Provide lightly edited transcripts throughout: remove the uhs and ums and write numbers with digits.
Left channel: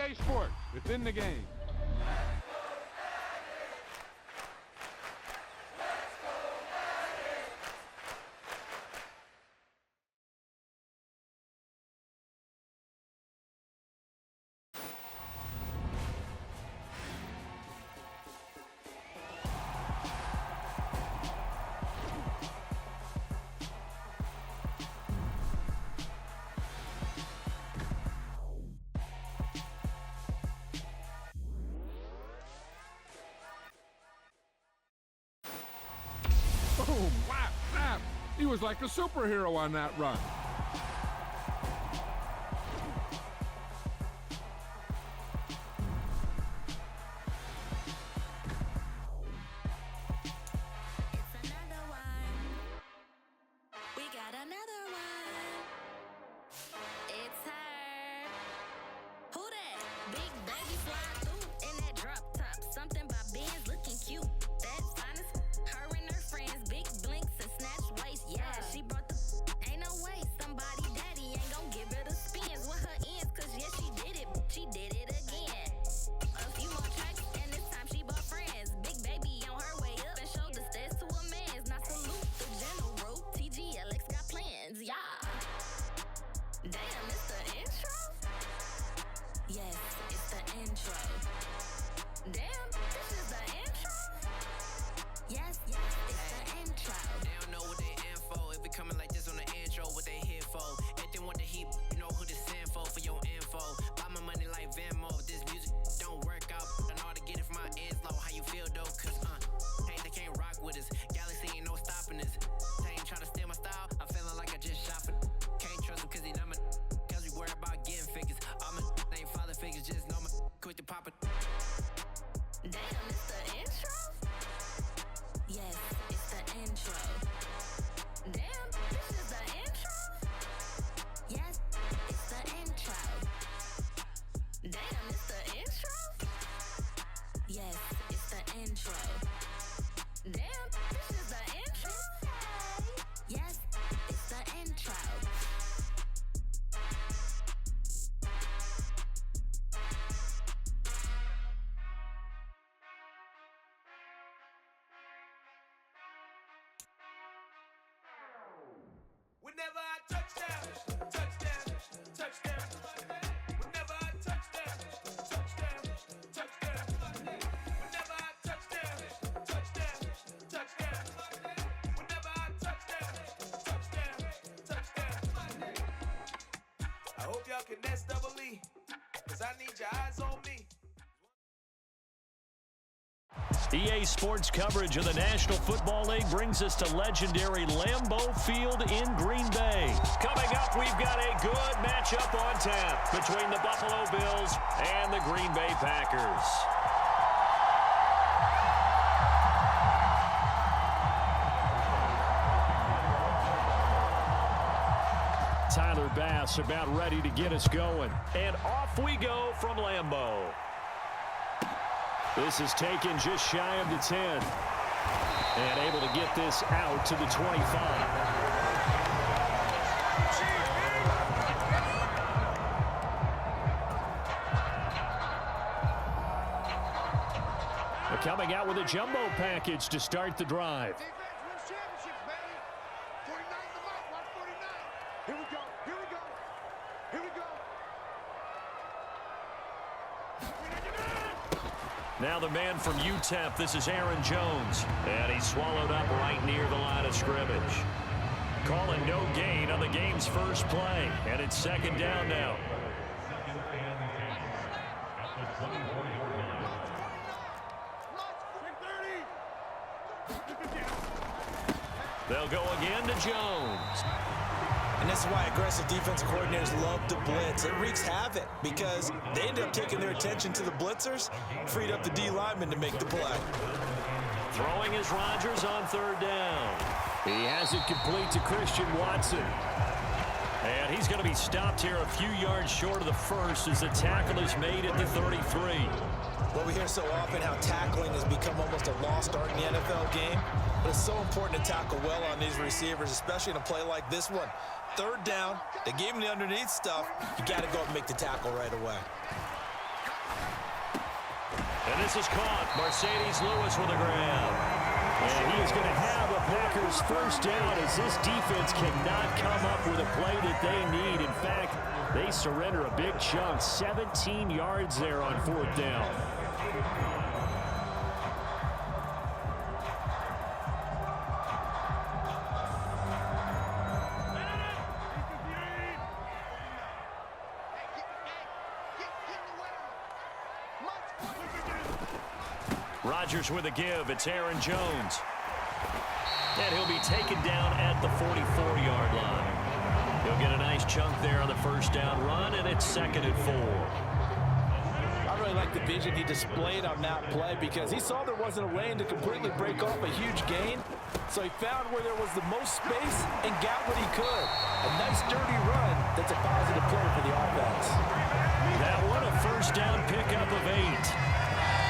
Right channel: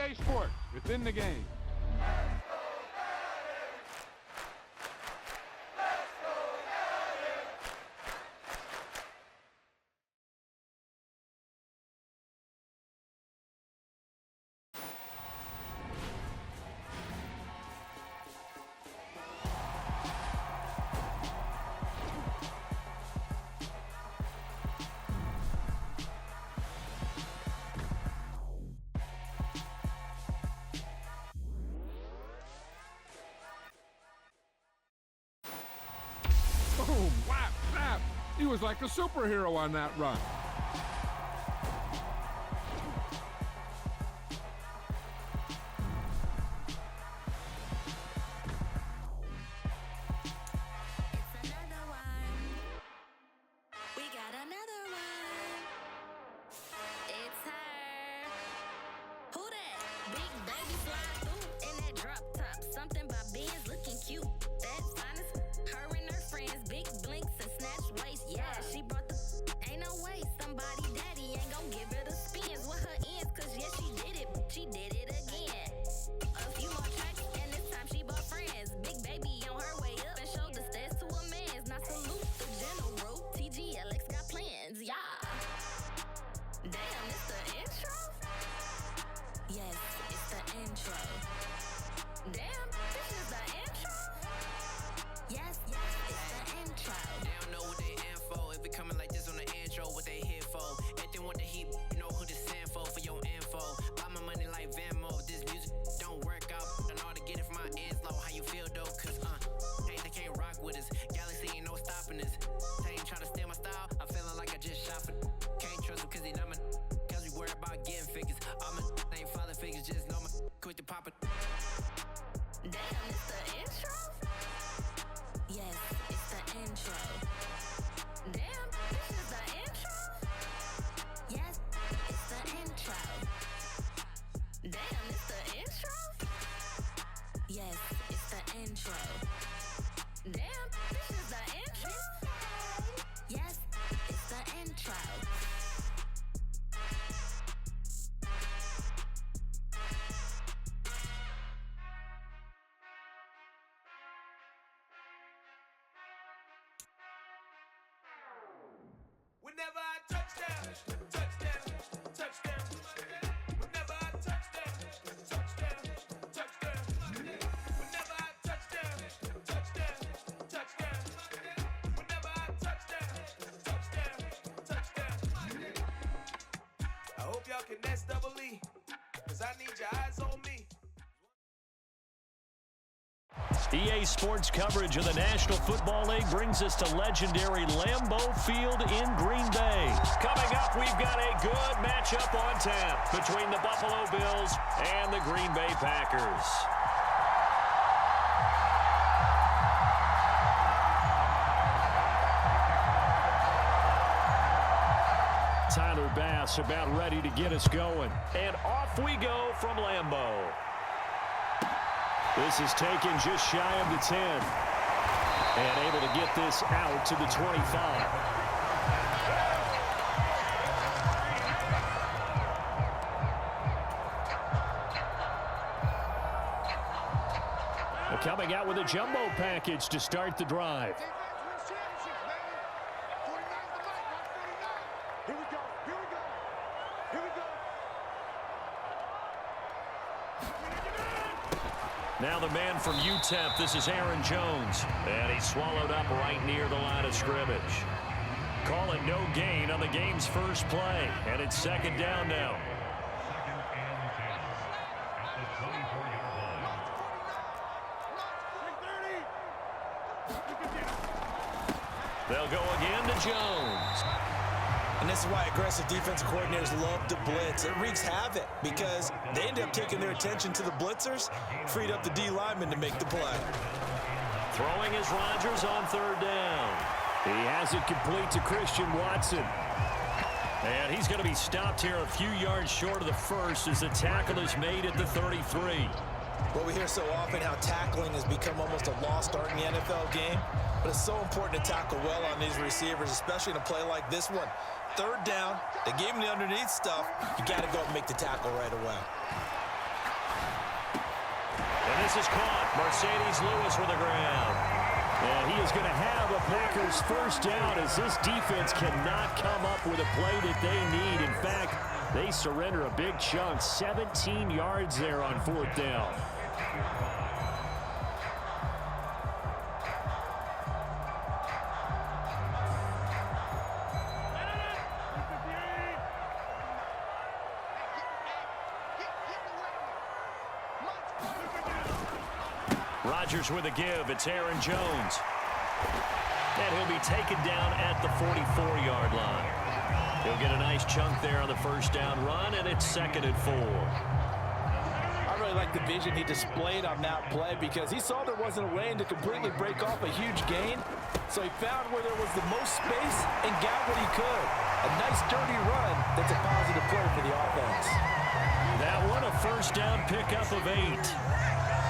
EA Sports, within the game. Boom, whap, snap. He was like a superhero on that run. It's another one. We got another one. It's her. Who that? Big baby slide through in that drop top. Something by Benz looking cute. That's honest. Her and her friends, big blinks and snatch waist. Yeah, she brought the. Ain't no way somebody daddy ain't gon' give her the spins with her ends. Cause yeah, she did it. She did it again. A few more tracks and this time she bought friends. Big baby on her way up and showed the stairs to a man's. Now salute the general. TGLX got plans. Yeah. Damn, it's the intro? Yes, it's the intro. Damn, this is the intro? Yes, it's the intro. They don't know what they in for. If we coming like this on the intro, what they here for? If they want the heat, you know who to send for your info. Buy my money like Venmo. This music don't work out. I know how to get it from my ends low. How you feel though? Cause hey, they can't rock with us. Galaxy ain't no stopping us. They ain't trying to steal my style. I'm feeling like I just shot for. Can't trust them cause they not my. Cause we worry about getting figures. All my ain't father figures. Just know my quick to pop it. Damn, it's the intro? Yes, it's the intro. Damn, this is the intro? Yes, it's the intro. Damn, it's the intro? Yes, it's the intro. Damn, this is the intro? Yes, it's the intro. Whenever I touchdown, touchdown, touchdown. Whenever I touchdown, touchdown, touchdown. Whenever I touchdown, touchdown, touchdown. Whenever I touchdown, touchdown, touchdown. I hope y'all can nest double E, cause I need your eyes on me. EA Sports coverage of the National Football League brings us to legendary Lambeau Field in Green Bay. Coming up, we've got a good matchup on tap between the Buffalo Bills and the Green Bay Packers. Tyler Bass about ready to get us going. And off we go from Lambeau. This is taken just shy of the 10. And able to get this out to the 25. Coming out with a jumbo package to start the drive. Now the man from UTEP, this is Aaron Jones. And he's swallowed up right near the line of scrimmage. Calling no gain on the game's first play. And it's second down now. Second and 10 at the 24-yard line. They'll go again to Jones. And this is why aggressive defensive coordinators love to blitz. It wreaks havoc because they end up taking their attention to the blitzers, freed up the D lineman to make the play. Throwing is Rodgers on third down. He has it complete to Christian Watson. And he's going to be stopped here a few yards short of the first as the tackle is made at the 33. Well, we hear so often how tackling has become almost a lost art in the NFL game, but it's so important to tackle well on these receivers, especially in a play like this one. Third down, they gave him the underneath stuff. You got to go up and make the tackle right away. And this is caught. Mercedes Lewis with a grab. And he is going to have a Packers first down as this defense cannot come up with a play that they need. In fact, they surrender a big chunk, 17 yards there on 4th down. Rodgers with a give. It's Aaron Jones. And he'll be taken down at the 44-yard line. He'll get a nice chunk there on the first down run, and it's 2nd and 4. I really like the vision he displayed on that play because he saw there wasn't a lane to completely break off a huge gain. So he found where there was the most space and got what he could. A nice dirty run that's a positive play for the offense. That one a first down pickup of 8.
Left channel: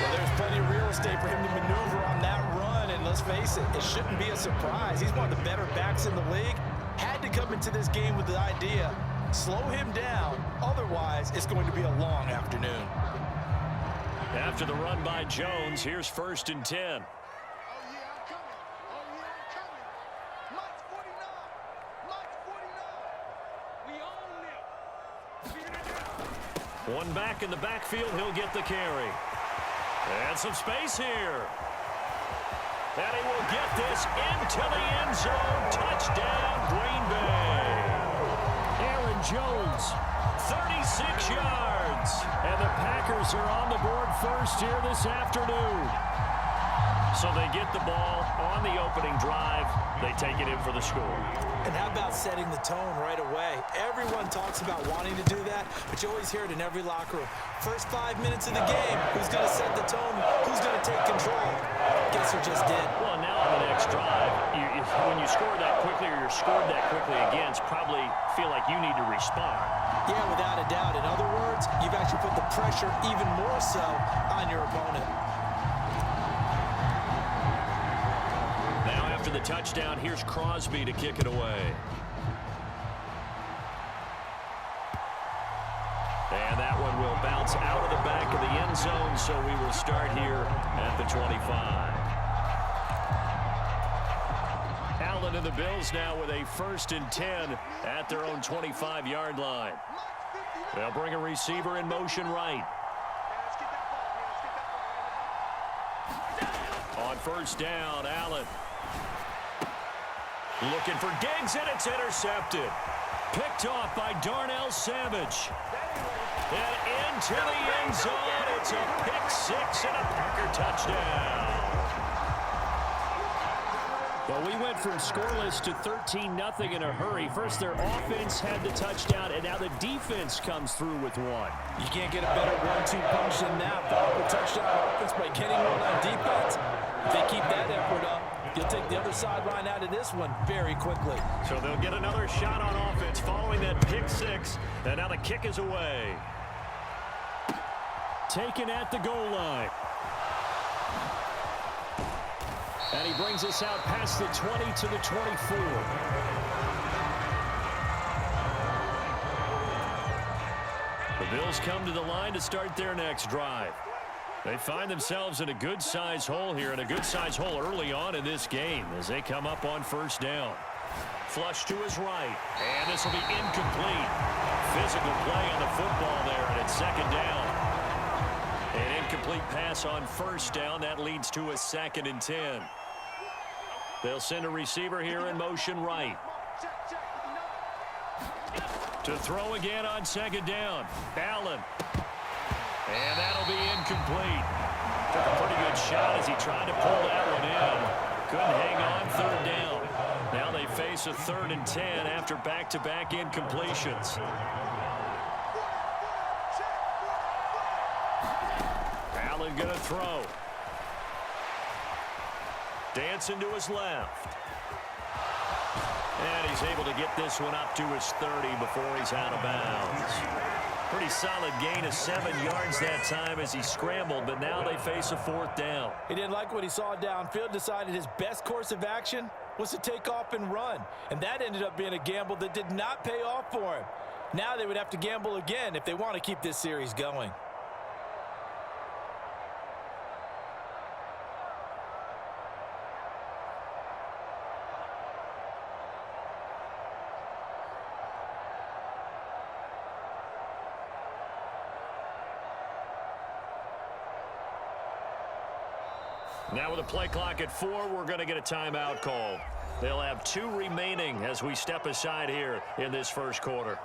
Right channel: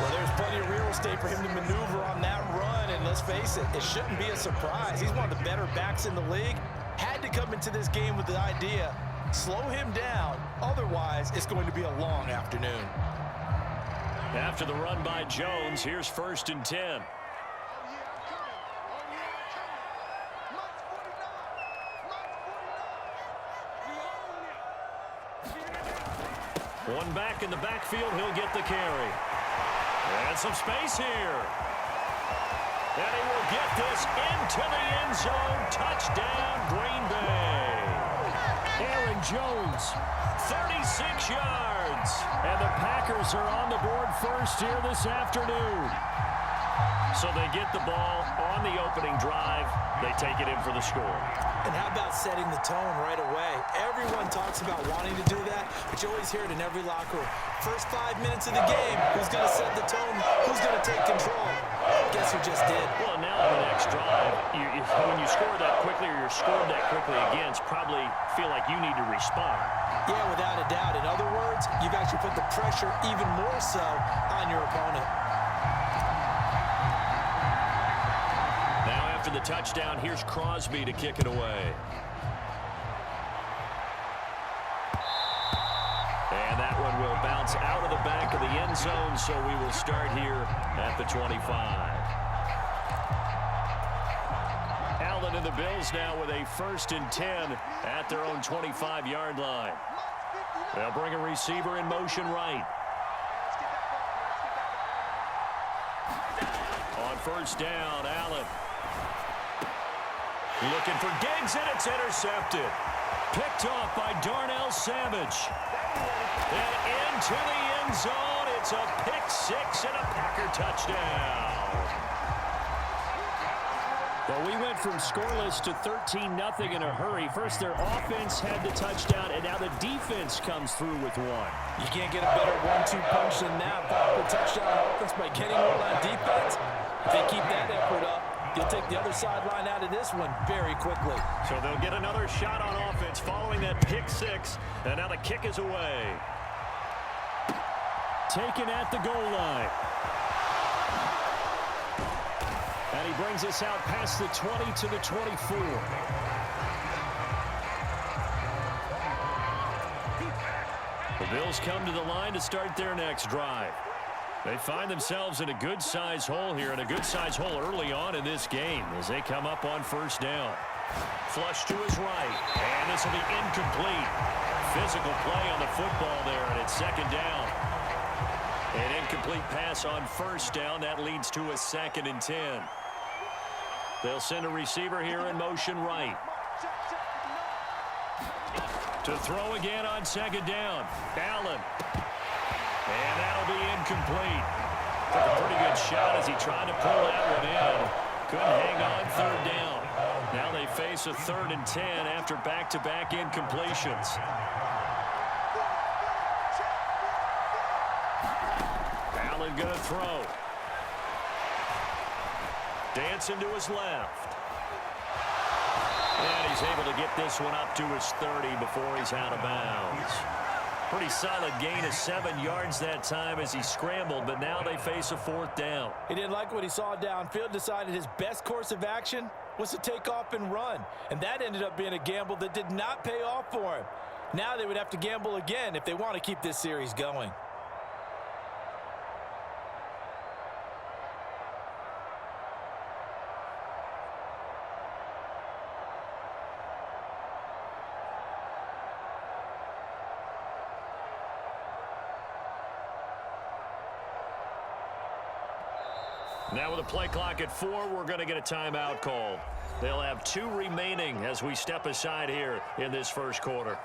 Well, there's plenty of real estate for him to maneuver on that run, and let's face it, it shouldn't be a surprise. He's one of the better backs in the league. Had to come into this game with the idea, slow him down, otherwise it's going to be a long afternoon. After the run by Jones, here's 1st and 10. Oh, yeah, I'm coming. Oh, yeah, I'm coming. Mike's 49. We own it. One back in the backfield, he'll get the carry. And some space here. And he will get this into the end zone. Touchdown, Green Bay. Aaron Jones, 36 yards. And the Packers are on the board first here this afternoon. So they get the ball on the opening drive. They take it in for the score. And how about setting the tone right away? Everyone talks about wanting to do that, but you always hear it in every locker room. First 5 minutes of the game, who's going to set the tone? Who's going to take control? Guess who just did? Well, now on the next drive, when you score that quickly or you're scored that quickly against, probably feel like you need to respond. Yeah, without a doubt. In other words, you've actually put the pressure even more so on your opponent. Now after the touchdown, here's Crosby to kick it away. And that one will bounce out of the back of the end zone, so we will start here at the 25. Allen and the Bills now with a 1st and 10 at their own 25-yard line. They'll bring a receiver in motion right. On 1st down, Allen. Looking for Diggs, and it's intercepted. Picked off by Darnell Savage. And into the end zone. It's a pick-6 and a Packer touchdown. Well, we went from scoreless to 13-0 in a hurry. First, their offense had the touchdown, and now the defense comes through with one. You can't get a better 1-2 punch than that. The touchdown offense by getting one on defense. If they keep that effort up, you'll take the other sideline out of this one very quickly. So they'll get another shot on offense following that pick-6, and now the kick is away. Taken at the goal line. And he brings us out past the 20 to the 24. The Bills come to the line to start their next drive. They find themselves in a good-sized hole here, and a good-sized hole early on in this game as they come up on 1st down. Flush to his right, and this will be incomplete. Physical play on the football there, and it's 2nd down. An incomplete pass on 1st down. That leads to a 2nd and 10. They'll send a receiver here in motion right. To throw again on 2nd down. Allen. And that'll be incomplete. Took a pretty good shot as he tried to pull that one in. Couldn't hang on 3rd down. Now they face a 3rd and 10 after back-to-back incompletions. Allen gonna throw. Dancing to his left. And he's able to get this one up to his 30 before he's out of bounds. Pretty solid gain of 7 yards that time as he scrambled, but now they face a 4th down. He didn't like what he saw downfield, decided his best course of action was to take off and run. And that ended up being a gamble that did not pay off for him. Now they would have to gamble again if they want to keep this series going. Now with a play clock at 4, we're going to get a timeout call. They'll have 2 remaining as we step aside here in this first quarter.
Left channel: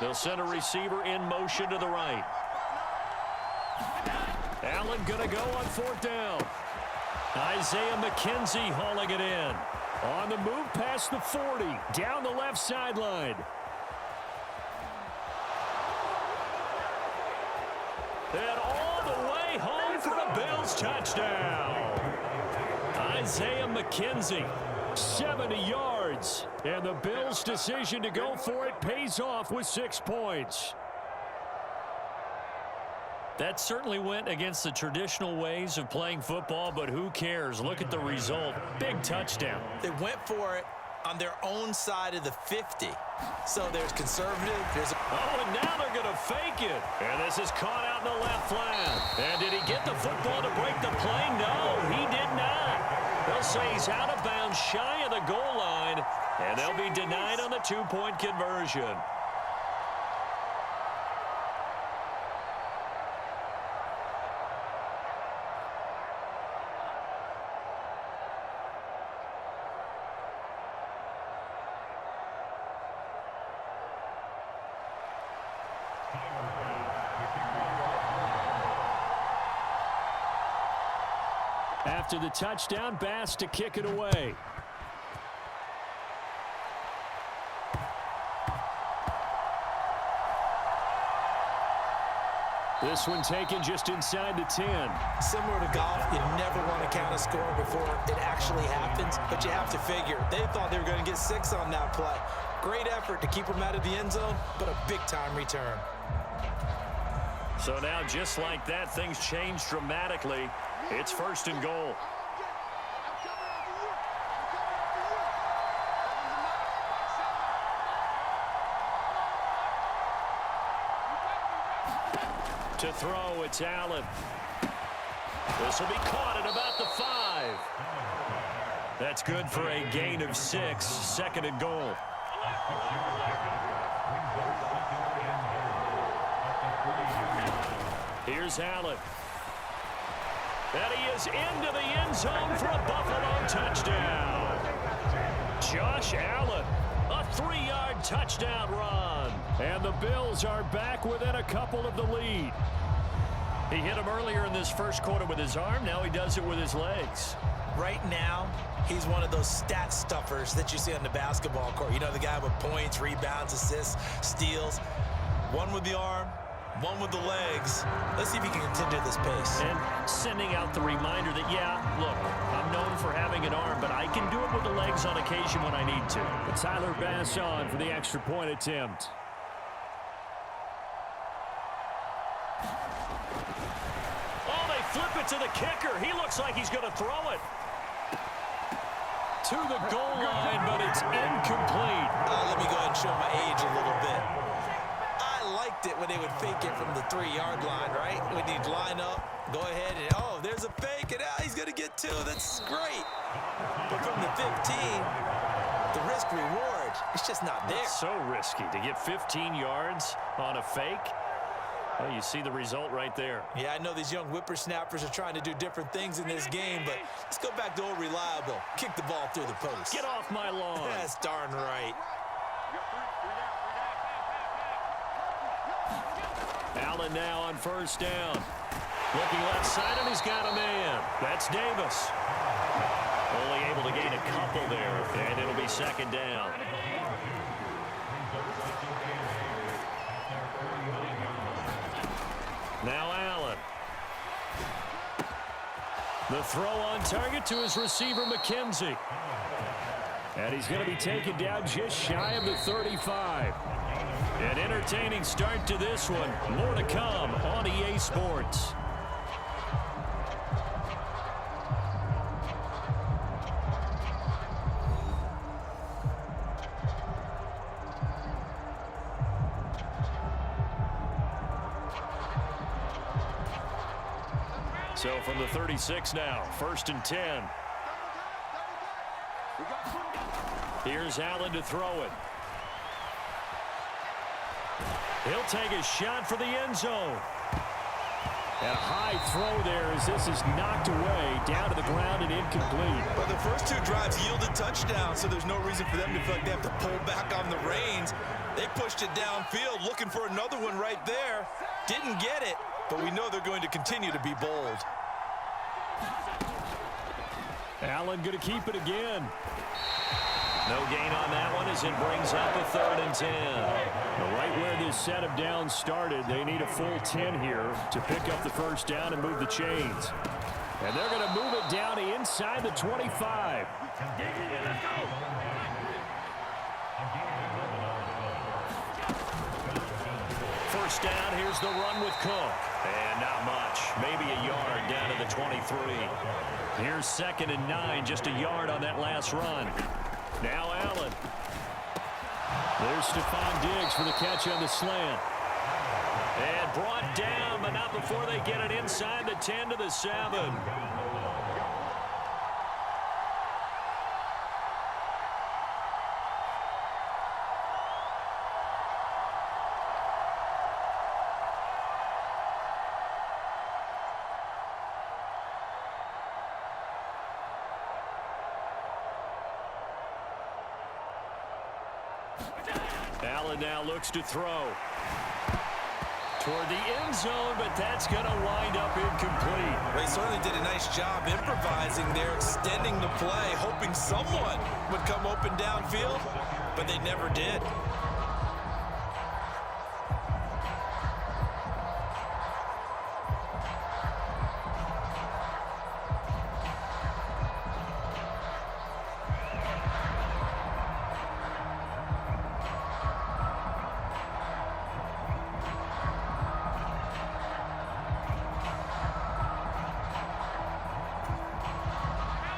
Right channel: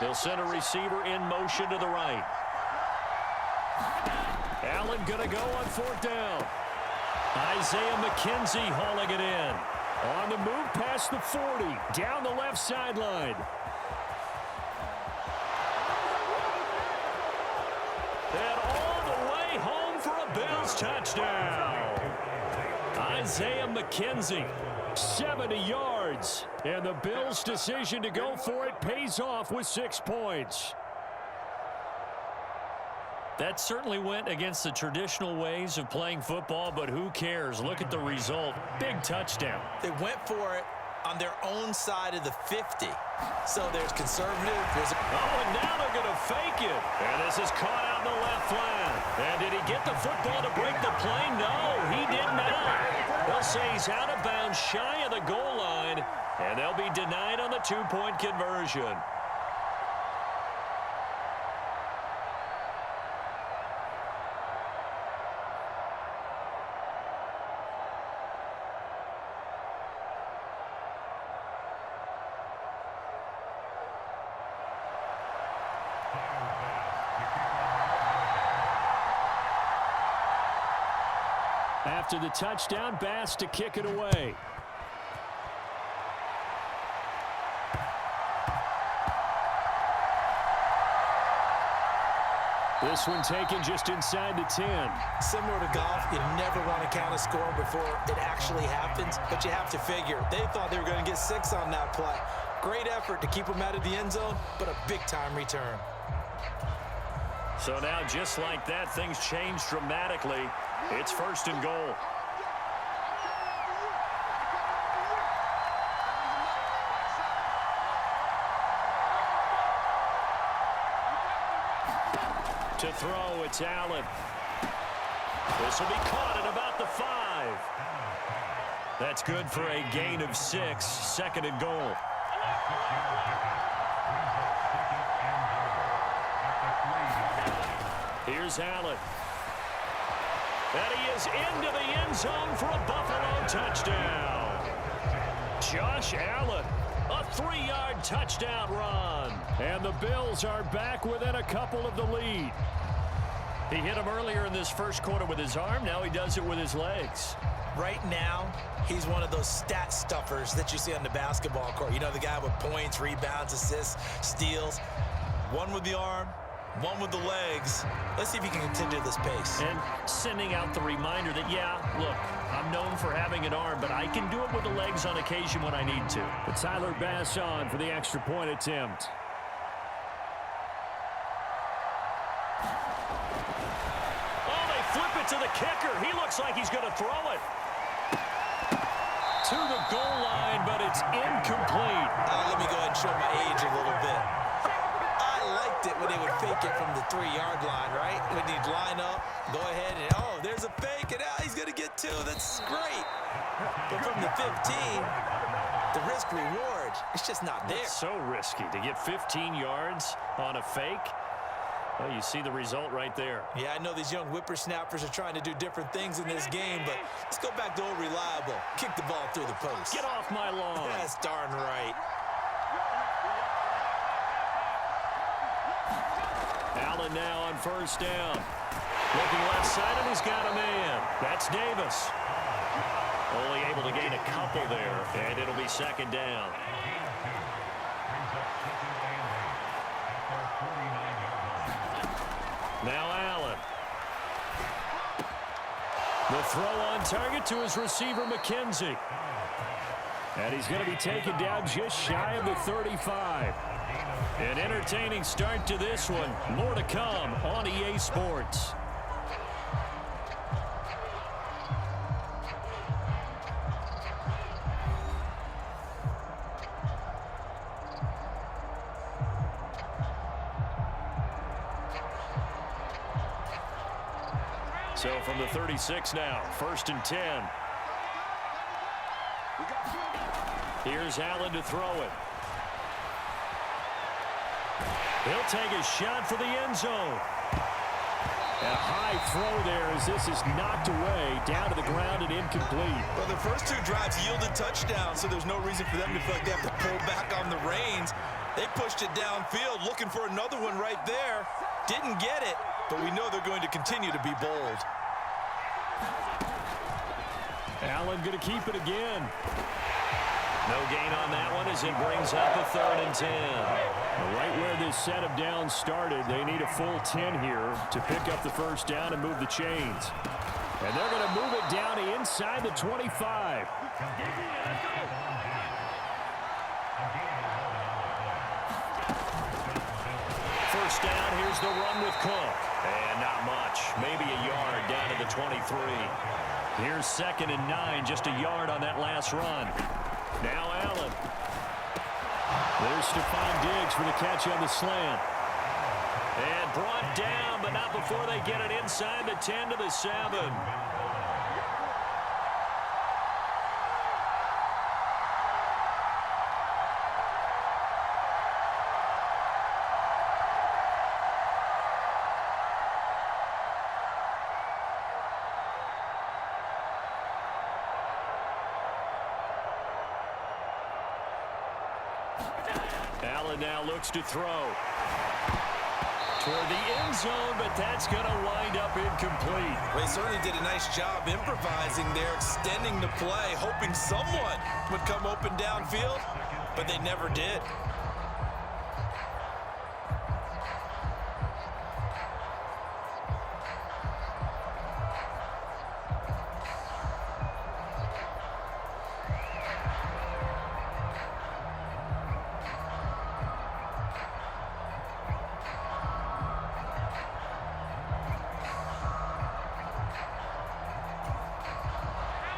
They'll send a receiver in motion to the right. Allen going to go on 4th down. Isaiah McKenzie hauling it in. On the move past the 40, down the left sideline. And all the way home for a Bills touchdown. Isaiah McKenzie. 70 yards, and the Bills' decision to go for it pays off with 6 points. That certainly went against the traditional ways of playing football, but who cares? Look at the result. Big touchdown. They went for it on their own side of the 50. So there's conservative. Oh, and now they're going to fake it. And this is caught out in the left flat. And did he get the football to break the play? No, he did not. They'll say he's out of bounds shy of the goal line, and they'll be denied on the 2-point conversion. After the touchdown, Bass to kick it away. This one taken just inside the 10. Similar to golf, you never want to count a score before it actually happens, but you have to figure. They thought they were going to get 6 on that play. Great effort to keep them out of the end zone, but a big-time return. So now, just like that, things change dramatically. It's 1st and goal. To throw, it's Allen. This will be caught at about the 5. That's good for a gain of 6, 2nd and goal. Here's Allen. And he is into the end zone for a Buffalo touchdown. Josh Allen, a 3-yard touchdown run. And the Bills are back within a couple of the lead. He hit him earlier in this first quarter with his arm. Now he does it with his legs. Right now, he's one of those stat stuffers that you see on the basketball court. You know, the guy with points, rebounds, assists, steals. One with the arm, one with the legs. Let's see if he can continue this pace. And sending out the reminder that, yeah, look, I'm known for having an arm, but I can do it with the legs on occasion when I need to. But Tyler Bass on for the extra point attempt. Oh, they flip it to the kicker. He looks like he's going to throw it to the goal line, but it's incomplete. Let me go ahead and show my age a little bit. I liked it when they would fake it from the 3-yard line, right? When he'd line up, go ahead, and oh, there's a fake, and he's going to get 2. That's great. But from the 15, the risk-reward, it's just not there. It's so risky to get 15 yards on a fake. Well, you see the result right there. Yeah, I know these young whippersnappers are trying to do different things in this game, but let's go back to old reliable. Kick the ball through the post. Get off my lawn. That's darn right. Allen now on 1st down. Looking left side, and he's got a man. That's Davis. Only able to gain a couple there, and it'll be 2nd down. Now Allen. The throw on target to his receiver, McKenzie. And he's going to be taken down just shy of the 35. An entertaining start to this one. More to come on EA Sports. So from the 36 now, 1st and 10. Here's Allen to throw it. He'll take a shot for the end zone. And a high throw there as this is knocked away down to the ground and incomplete. Well, the first two drives yielded touchdowns, so there's no reason for them to feel like they have to pull back on the reins. They pushed it downfield, looking for another one right there. Didn't get it, but we know they're going to continue to be bold. Allen going to keep it again. No gain on that one as it brings up a 3rd and 10. Right where this set of downs started, they need a full 10 here to pick up the first down and move the chains. And they're going to move it down to inside the 25. First down, here's the run with Cook. And not much, maybe a yard down to the 23. Here's 2nd and 9, just a yard on that last run. Now Allen. There's Stephon Diggs for the catch on the slant. And brought down, but not before they get it inside the 10 to the 7. Allen now looks to throw toward the end zone, but that's going to wind up incomplete. They certainly did a nice job improvising there, extending the play, hoping someone would come open downfield, but they never did.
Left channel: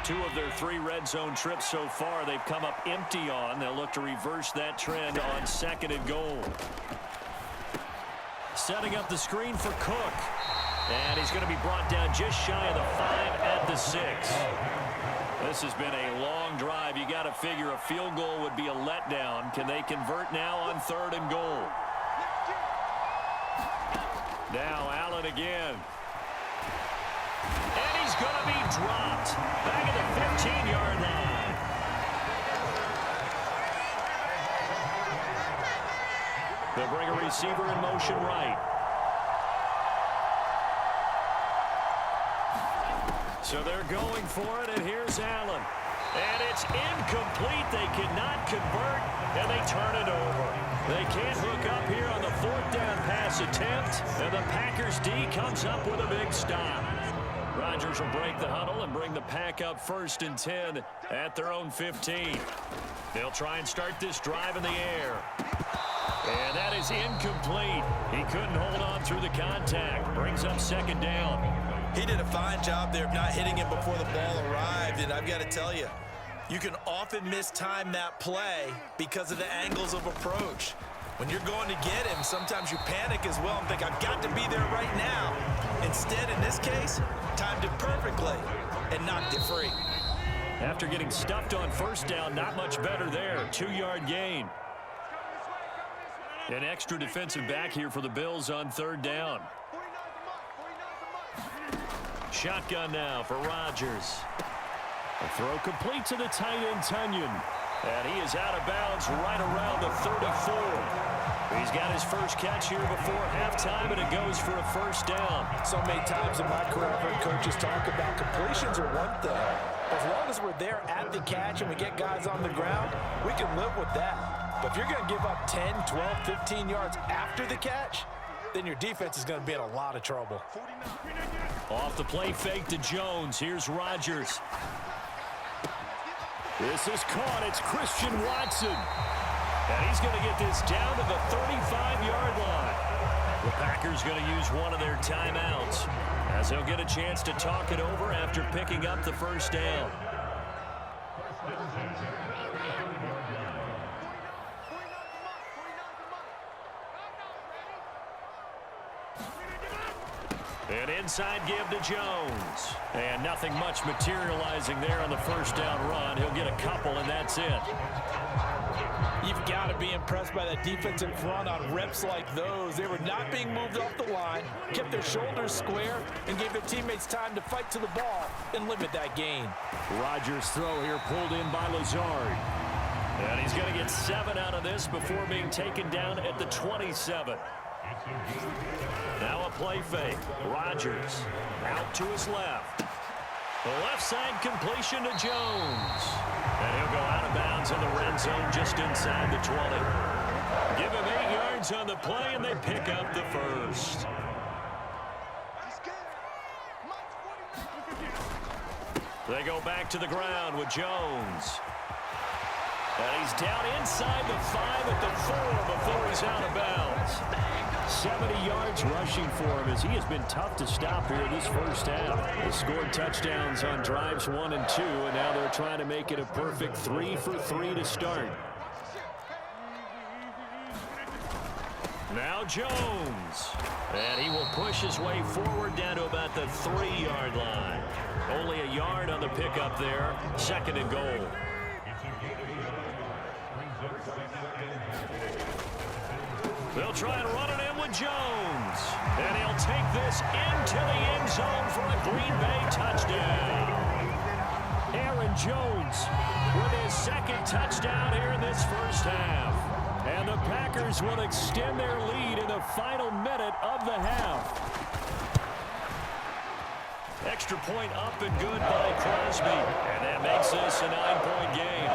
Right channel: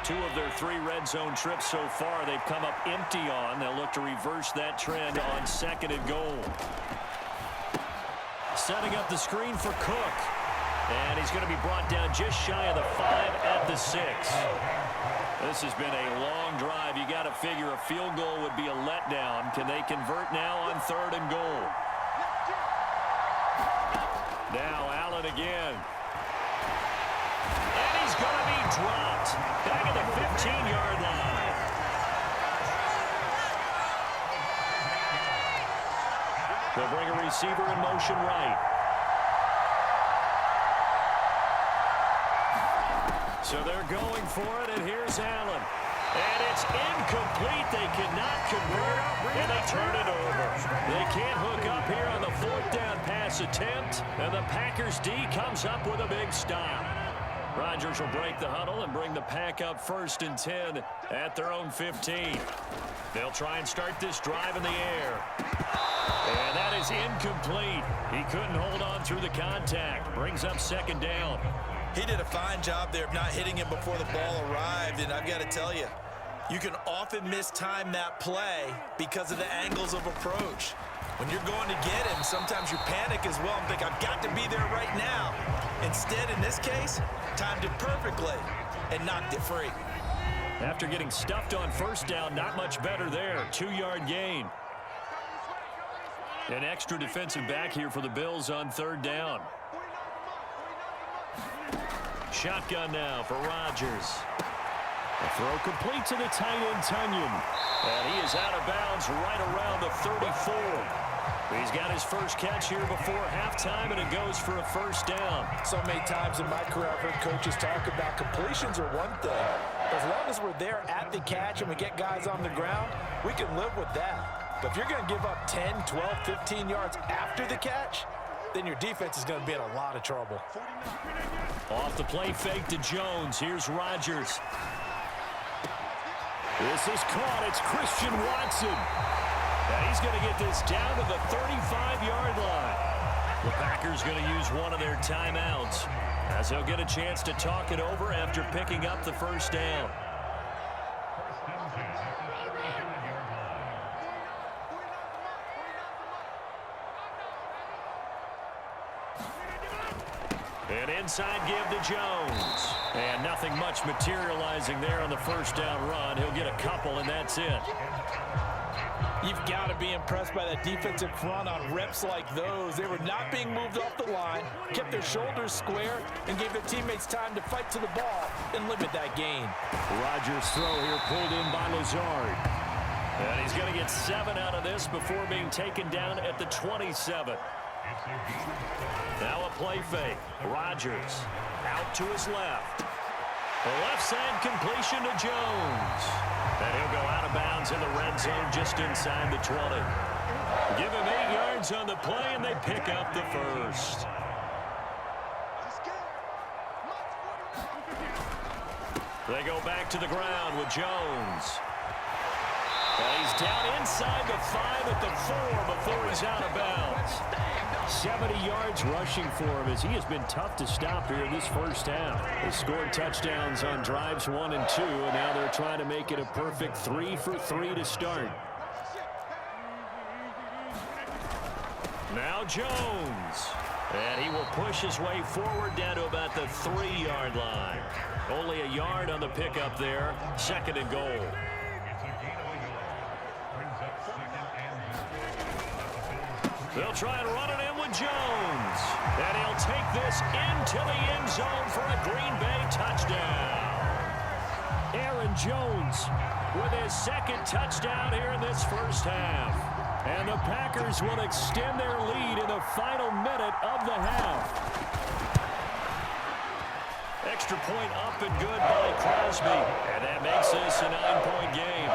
Two of their 3 red zone trips so far they've come up empty on. They'll look to reverse that trend on 2nd and goal. Setting up the screen for Cook. And he's going to be brought down just shy of the 5 at the 6. This has been a long drive. You got to figure a field goal would be a letdown. Can they convert now on 3rd and goal? Now Allen again. And he's going to be dropped back at the 15-yard line. They'll bring a receiver in motion right. So they're going for it, and here's Allen. And it's incomplete. They cannot convert, and they turn it over. They can't hook up here on the 4th down pass attempt, and the Packers D comes up with a big stop. Rodgers will break the huddle and bring the pack up 1st and 10 at their own 15. They'll try and start this drive in the air. And that is incomplete. He couldn't hold on through the contact. Brings up 2nd down. He did a fine job there of not hitting him before the ball arrived, and I've got to tell you, you can often mistime that play because of the angles of approach. When you're going to get him, sometimes you panic as well and think, I've got to be there right now. Instead, in this case, timed it perfectly and knocked it free. After getting stuffed on 1st down, not much better there. 2-yard gain. An extra defensive back here for the Bills on 3rd down. Shotgun now for Rodgers. A throw complete to the tight end, Tunyon. And he is out of bounds right around the 34. He's got his first catch here before halftime, and it goes for a 1st down. So many times in my career, I've heard coaches talk about completions are one thing. As long as we're there at the catch and we get guys on the ground, we can live with that. But if you're going to give up 10, 12, 15 yards after the catch, then your defense is going to be in a lot of trouble. Off the play fake to Jones. Here's Rodgers. This is caught. It's Christian Watson. And he's going to get this down to the 35-yard line. The Packers going to use one of their timeouts as they'll get a chance to talk it over after picking up the first down. An inside give to Jones. And nothing much materializing there on the first down run. He'll get a couple, and that's it. You've got to be impressed by that defensive front on reps like those. They were not being moved off the line, kept their shoulders square, and gave their teammates time to fight to the ball and limit that gain. Rodgers' throw here pulled in by Lazard. And he's going to get 7 out of this before being taken down at the 27. Now a play fake. Rodgers out to his left. The left side completion to Jones. And he'll go out of bounds in the red zone just inside the 20. Give him 8 yards on the play, and they pick up the first. They go back to the ground with Jones. And he's down inside the 5 at the 4 before he's out of bounds. 70 yards rushing for him as he has been tough to stop here this first half. They scored touchdowns on drives 1 and 2, and now they're trying to make it a perfect 3 for 3 to start. Now Jones. And he will push his way forward down to about the 3-yard line. Only a yard on the pickup there. 2nd and goal. They'll try and run it in with Jones. And he'll take this into the end zone for a Green Bay touchdown. Aaron Jones with his 2nd touchdown here in this first half. And the Packers will extend their lead in the final minute of the half. Extra point up and good by Crosby. And that makes this a 9-point game.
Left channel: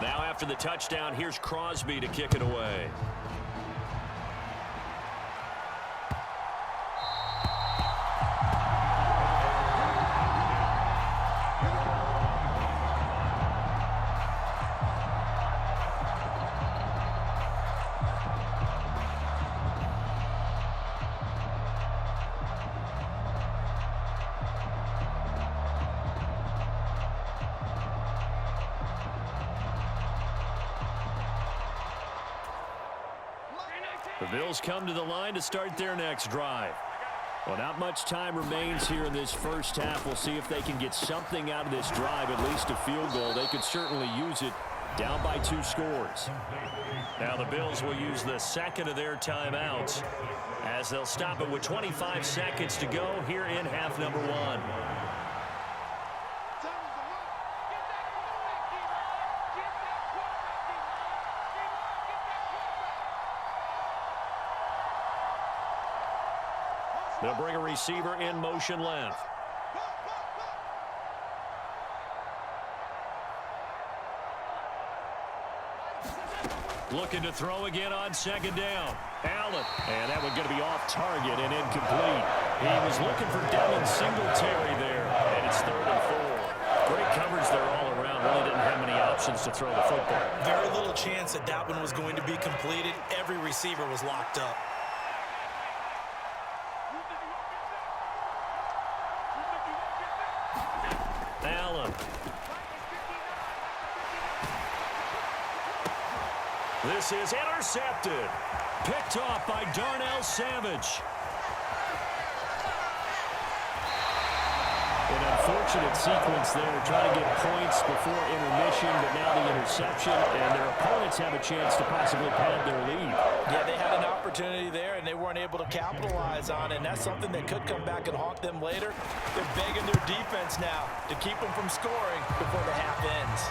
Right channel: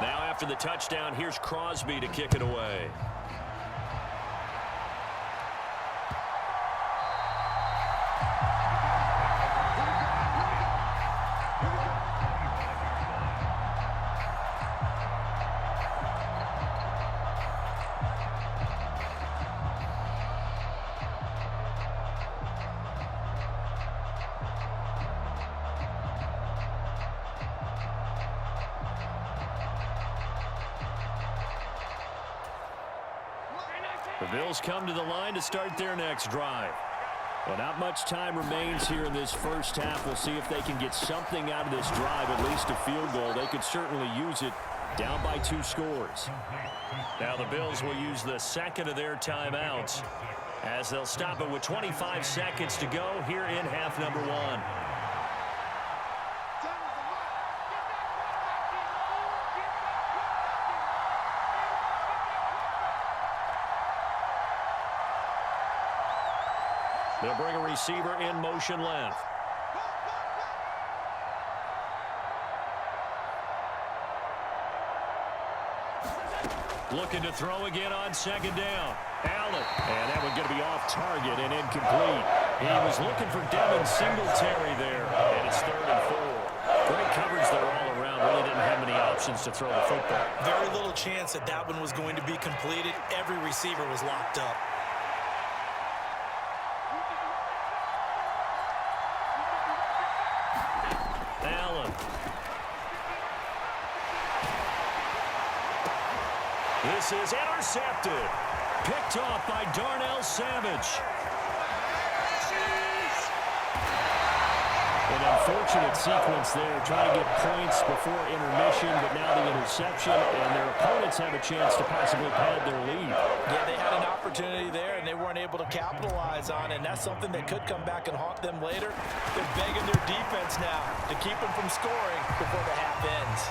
Now after the touchdown, here's Crosby to kick it away. The Bills come to the line to start their next drive. Well, not much time remains here in this first half. We'll see if they can get something out of this drive, at least a field goal. They could certainly use it down by 2 scores. Now the Bills will use the 2nd of their timeouts as they'll stop it with 25 seconds to go here in half number 1. They'll bring a receiver in motion left. Looking to throw again on 2nd down. Allen. And that one going to be off target and incomplete. He was looking for Devin Singletary there. And it's 3rd and 4. Great coverage there all around. Really didn't have many options to throw the football. Very little chance that that one was going to be completed. Every receiver was locked up. Allen. This is intercepted. Picked off by Darnell Savage. An unfortunate sequence there, trying to get points before intermission, but now the interception, and their opponents have a chance to possibly pad their lead. Yeah, they had an opportunity there, and they weren't able to capitalize on it, and that's something that could come back and haunt them later. They're begging their defense now to keep them from scoring before the half ends.